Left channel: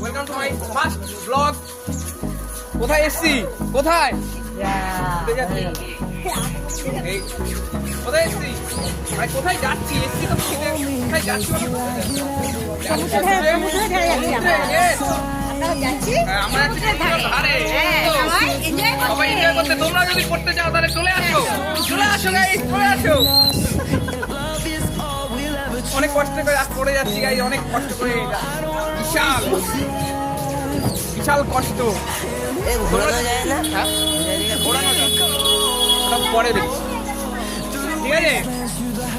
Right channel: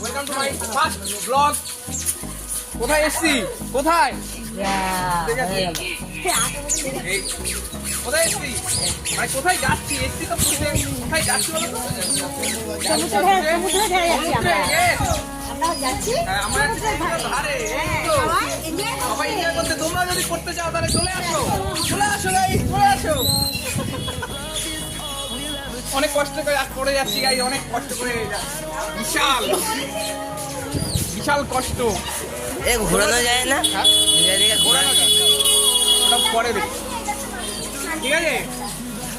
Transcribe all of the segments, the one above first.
Welcome to my first blog কোথায় এসছি? কোথায়? কোথায় এসছি? মানে কোথায় যাচ্ছি? এসছি তো কোথায়? যাচ্ছি তোমরা যদি করতে চাও তাহলে চলে আসো। চলে আসো চলে আসো। অনেক কষ্ট করে করে যাচ্ছি গাইস অনেক কষ্ট করে। বিশাল। বিশাল কষ্ট। এ ঘোরানো যায় না? ঘোরানো পরে দেখি ঠিক আছে?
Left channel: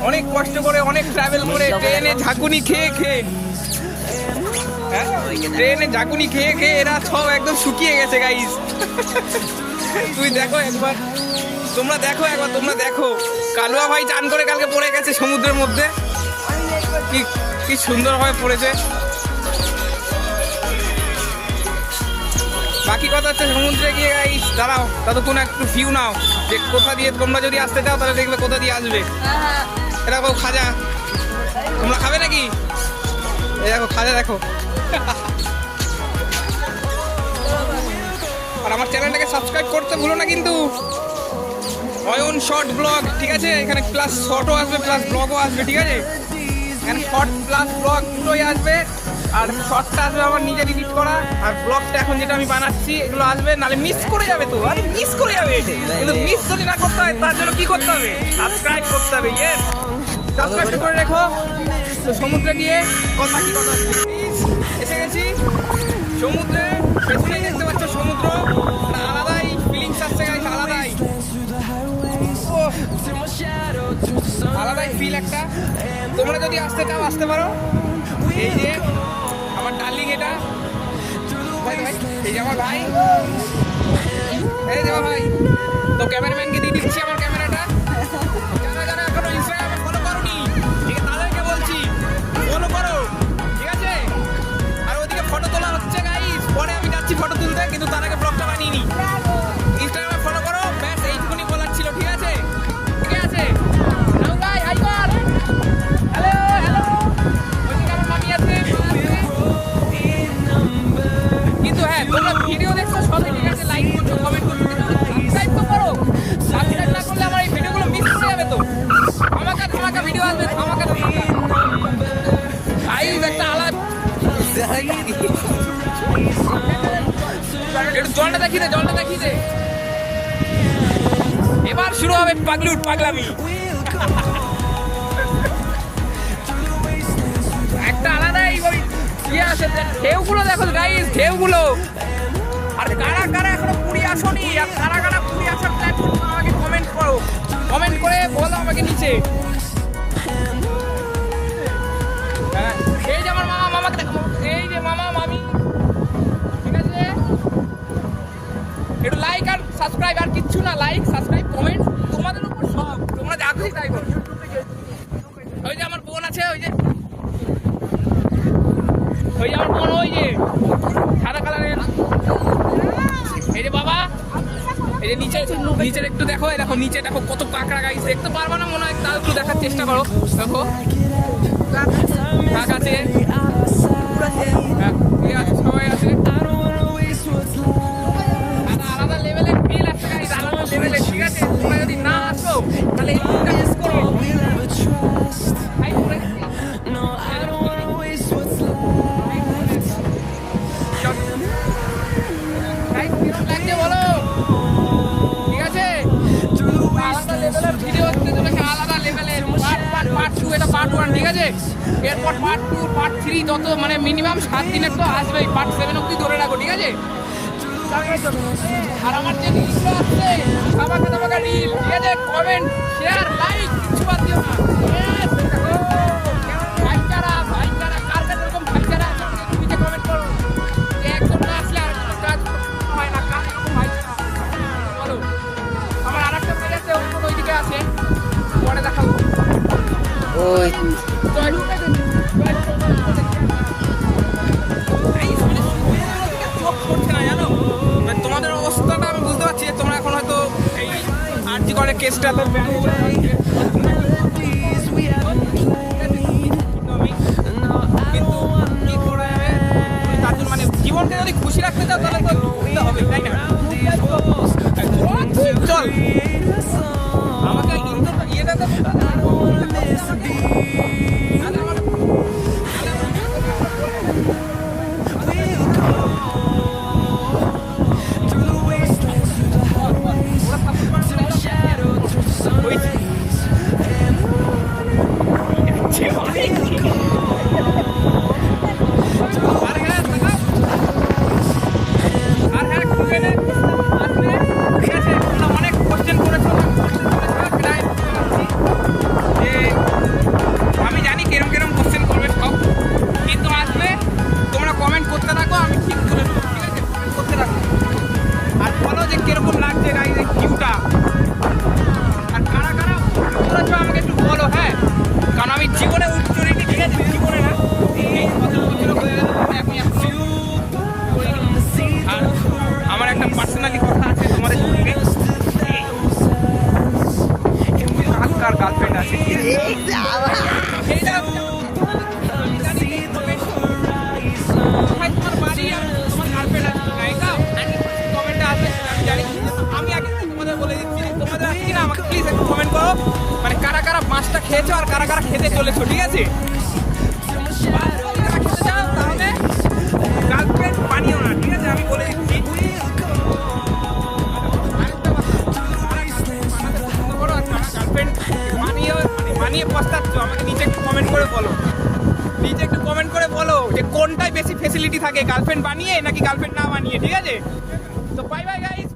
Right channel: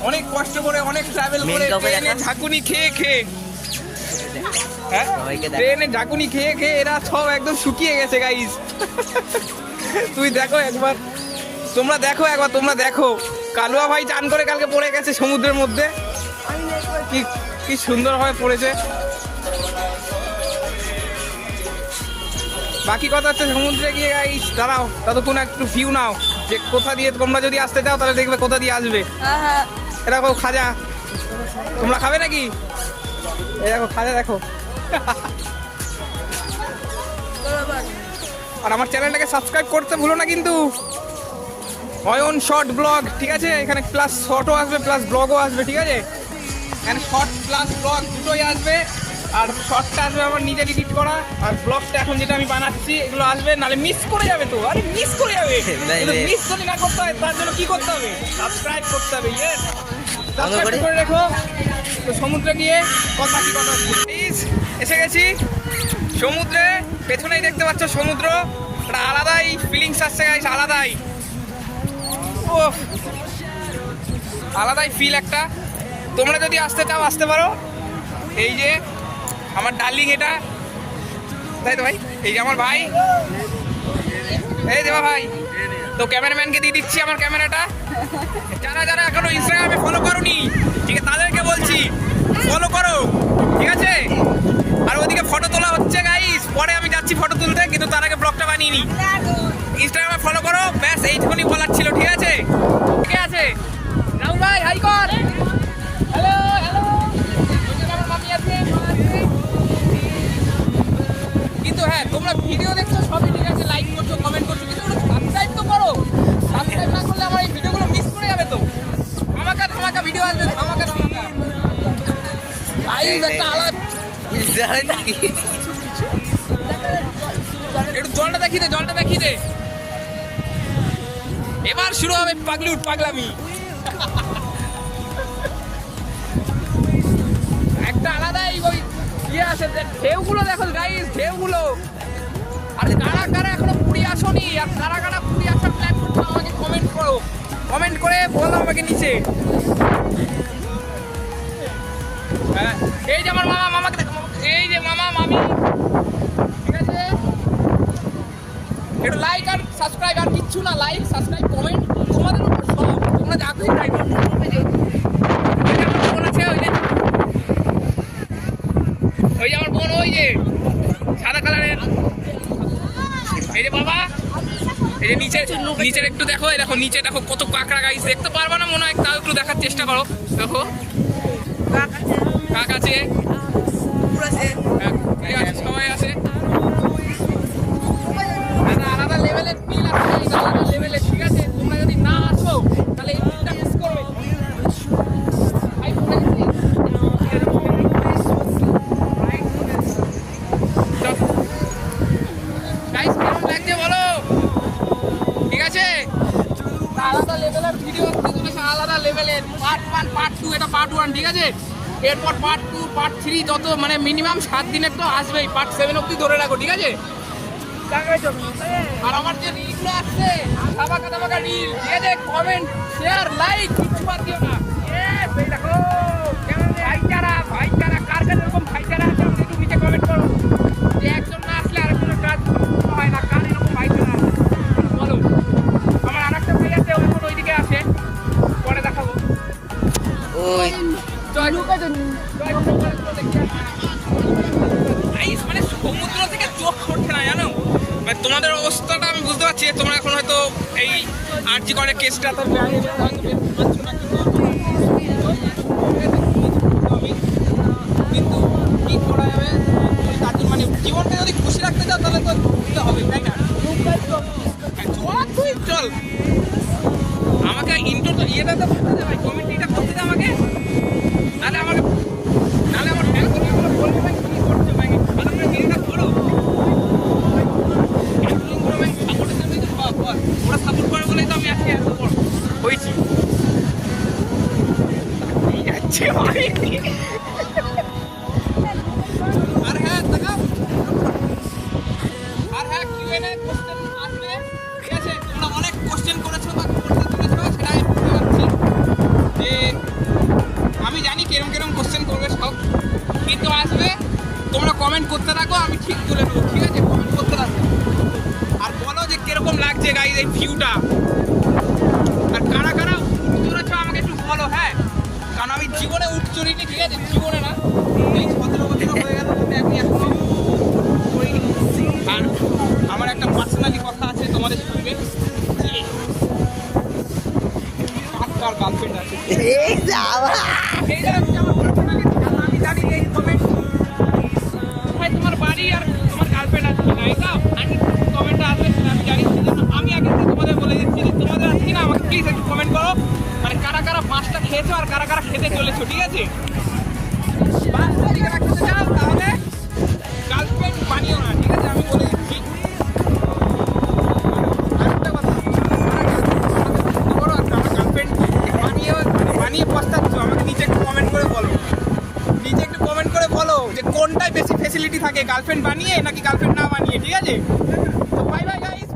অনেক কষ্ট করে অনেক ট্রাভেল করে ট্রেনে। ঝাঁকুনি খেয়ে খেয়ে। হ্যাঁ? ট্রেনে ঝাঁকুনি খেয়ে খেয়ে এরা সব একদম শুকিয়ে গেছে গাইস তুই দেখো একবার। তোমরা দেখো একবার তোমরা দেখো। কালুয়া ভাই চান করে কালকে পড়ে গেছে সমুদ্রের মধ্যে। কি কি সুন্দরভাবে পড়েছে। বাকি কথা হচ্ছে সমুদ্রে গিয়ে এই দাঁড়াও, ততক্ষণ একটু ভিউ নাও, যে কোথা দিয়ে তোমরা যদি আসতে চাও, তাহলে দেখবে কোথা দিয়ে আসবে। এ দেখো খাজা, তোমরা খাবে নাকি? এই দেখো খাজা, দেখো। আর আমার চ্যানেলটাকে সাবস্ক্রাইব করতে ভুলো না কিন্তু। অয়ন শর্ট ব্লগ ঠিক আছে? এখানে প্লাস শর্টও আসবে প্লাস ব্লগও আসবে, ঠিক আছে? এখানে শর্ট প্লাস ব্লগ দুটোই আসবে। আর শর্টটা আসবে আমার নিজে এডিট করা। আর ব্লগটা এখন যেটা আমি বানাচ্ছি এগুলো আসবে নালে মিস করে যাবে তো। আরে মিস করে যাবে। কিন্তু মিস যদি না করতে হয় তার জন্য কি করতে হবে? সাবস্ক্রাইব করতে হবে ইয়েস সাবস্ক্রাইব করে। রেখো। তো সমুদ্রে গিয়ে কথা কি কথা এসে গেছি। সমুদ্রে পেছনেই দেখতে পাচ্ছ সমুদ্র। একটা আলাদাই ফিলিংস আসছে গাইস আলাদাই। ওহ, আলাদাই ফিল একটা। তোমরা যদি আসতে চাও, আসতে পারো। এই যে আমার ডার্লিং এটা। তো ভাই, এই যে আমার ভাই। এই দেবা ভাই, তো ক্যামেরাম্যানকে দিয়ে দিচ্ছি আমার ক্যামেরাটা। জলটা দেখি দে, জলটা দেখি দে। এবার শুরু হবে পাগলুট পাগলামি। একটা আলাদাই ওই ইয়ে আছে, ঢেউগুলো দেখো গাইস ঢেউগুলো। আর কারা কারা এখনও পুরী আসনি, আর কারা কারা পুরী আসার আমাকে কমেন্ট করো। কমেন্ট করে বলো আমাকে নিচে। একটু লাইক আর সাবস্ক্রাইব আর কিচ্ছু না লাইক সাবস্ক্রাইব কমেন্ট তোমাদের উপর সব, তোমরা যা খুশি তাই করো। ওই যে ওই যে আমার বোন, ওই যে সাদা কালারের। এই যে বাবা, এই যে নিচে, নিচের একটু দেখো দেখো নিচে দেখো কত কাঁকড়া গাইছে দেখতে পারবা না মনে হয় তাও একটু দেখার চেষ্টা করো। দেখো। কাক আছে, সবাই আছে। আলাদা লেভেলের ফিল আছে আলাদা লেভেলের ঠিক আছে? তোমরা যদি না আসো তাহলে এই ফিলটা মিস করো। বলো। আলাদা লেভেলের পার্ট পার্ট পার্ট টু এটা পার্ট ওয়ান ঠিক আছে? এরপর পার্ট টু পার্ট থ্রি যত মানে মিনিমাম সাত দিনের তো আসবেই পার্ট সেভেন অব্দি ধরে রাখো ঠিক আছে? আর আমার যে রিলগুলো আসছে ধামাকা ধামাকা রিল আছে কমেন্ট শেয়ার লাইক কিছু বাদ দিও না। দেখো ভাইচারা ভাইচারা কার কাছে এরকম ভাইচারা আছে? নিচে কমেন্ট করো। যে একজন না আসলে আর কোনো কাজ হয় না কার এরকম ভাইচারা? বলো। আমার আর একটা ভাই আছে ওই ওইদিকে আছে। পরে দেখাবো। ওই। তোমাদের অবস্থাটা আমি বুঝতে পারছি তোমরা এখন হয়তো এই আর্জি করে কেসটা তো আমাকে কি মানে জীবনটা যদি খুশি রাখতে চাও, তাহলে তো ঘুরতে হবে আমাকে ইয়েটা তো কারা কারা খেতে চলেছো, ঠিক আছে? কারা গার্লফ্রেন্ড ঠিক আছে? আমি মানে বানিয়ে আমাকে একটু কমেন্ট করে বলো। কমেন্ট করে বলো যে কোনটায় বেশি ফেসিলিটি থাকে গার্লফ্রেন্ড বানিয়ে নাকি গার্লফ্রেন্ড না বানিয়ে, ঠিক আছে? তো বাই বাই গাইস